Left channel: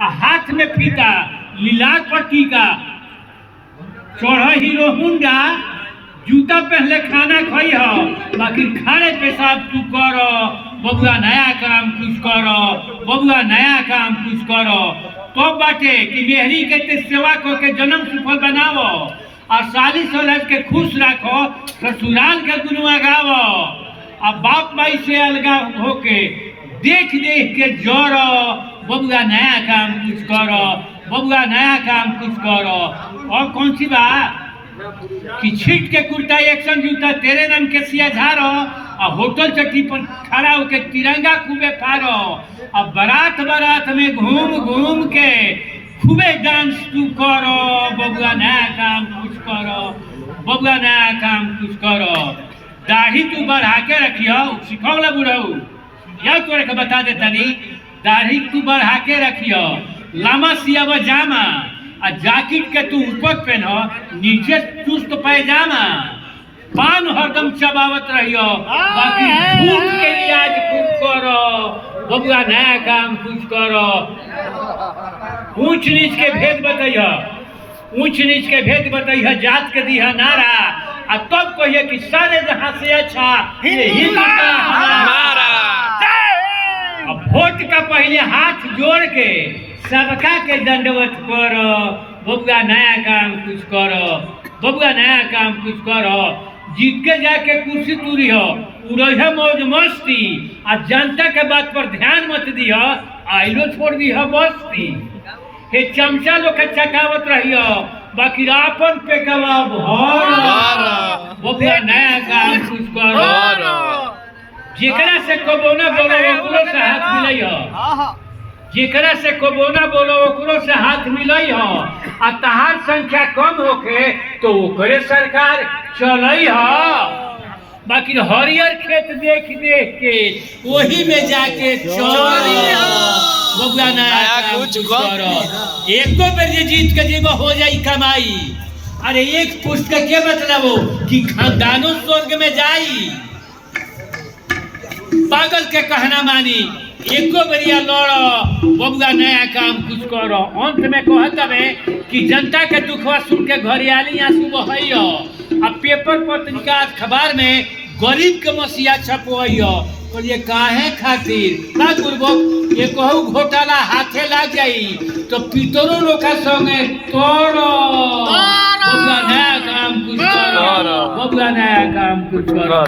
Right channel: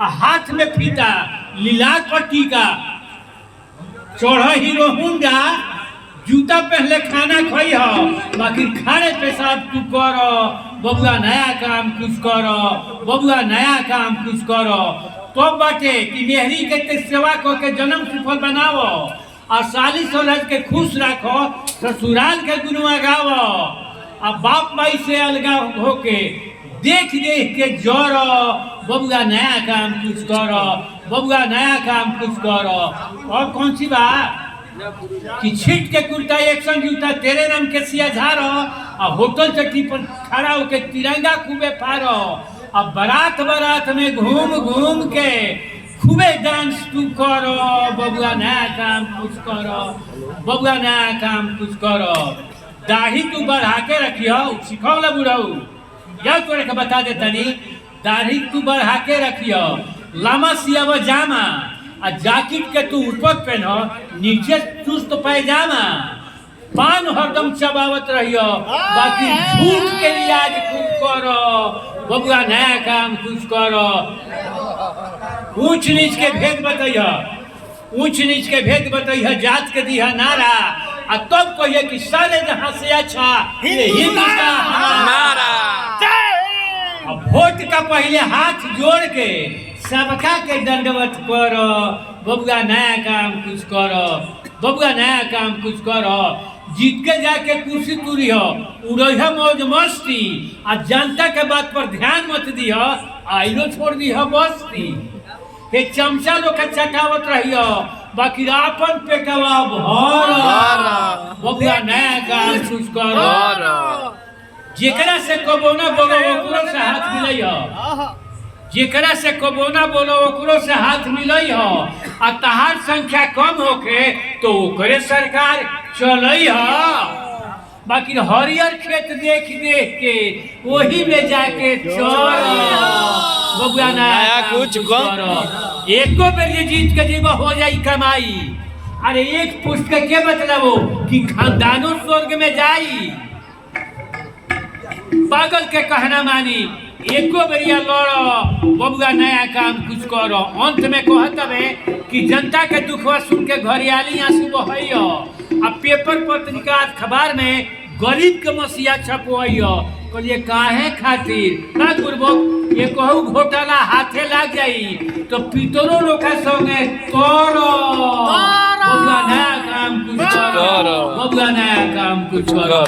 हाथ में फीता लीलाक पर टीका चढ़ हीरो हुंडा जूता पहले खाना खाई हो बाकी खाने पेशाब तू करो बबुआ नया काम कुछ करो बबुआ नया काम कुछ करो तो बाटे कि मेहरी के ते सेवा को के जन्म सफल बनावो और साली सोलह के खुश रखो ससुराल के गुणवा गावो और बाप माई से अलगा होके देख देख के जोरो बबुआ नया काम कुछ करो बबुआ नया काम कुछ करो। और कौन सी बात कि छीट के कुर्ता एक्शन जूता तेरे नाम के सिया झारो और होटल चट्टी पर खड़ा होके तिरंगा खूबे फारो और बारात बारात में घूम घूम के खूबे डांस तू करो बबुआ नया काम कुछ करो बबुआ नया काम कुछ करो। दाढ़ी तू बढ़ा के रखियो सिखौला बुढ़ऊ या तोरे के बता दे तनी दाढ़ी तू बढ़ा के रखियो लामा सियाव जामा आ जैकेट के तू ऊपर पहनो नीचे चुस्त पैजामा पान हरदम चबावत रहियो बाकी झूठ के रियाज खूब करो बबुआ नया काम कुछ करो। ऊंच नीच के भेद बताइयो ऊंच नीच के भेद बताइयो जात के दिया नारा आ तब कहिए कि सारे जहां से अच्छा ये हिंद का हमारा। अब वोट का पहले हाथ जोड़ के सबका के दंडवत करो बबुआ नया काम कुछ करो बबुआ नया काम कुछ करो। जीत के जाके कुर्सी तुरियो उड़ह मौज मस्ती आ जनता के बात पर ध्यान मत दियो आइलो छोड़ दियो बस्ती हे चमचा लोग के चटावत रहियो बाकी आपन पेटवा भर बबुआ नया काम कुछ करो। जेकरा से कबोना बोलो ओकरो से हाथ मिलइयो जेकरा से कबोना बोलो ओकरो से हाथ मिलई हो आ तहार संख्या कम होके तो ओकरे सरकार चलई हो बाकी हरियर खेत देख देख के वही में जाके चल बबुआ नया कुछ करो। एको बेर जे जीत के जीव हो जाई कमाई अरे एक पुष्ट के क्या मतलब हो कि खानदानो स्वर्ग में जाई पागल के कहना मानी एको बेरिया लड़ो बबुआ नया काम कुछ करो। अंत में कहत हवे कि जनता के दुखवा सुन के घरियाली आंसू बहइयो आ पेपर पत्रिका अखबार में गरीब के मसीहा छपवइयो कहलिए काहे खातिर ना गुरबक ये कहू घोटाला हाथे लाग जाई तो पितरो लोका संगे करो बबुआ नया काम कुछ करो बबुआ नया काम कुछ करो।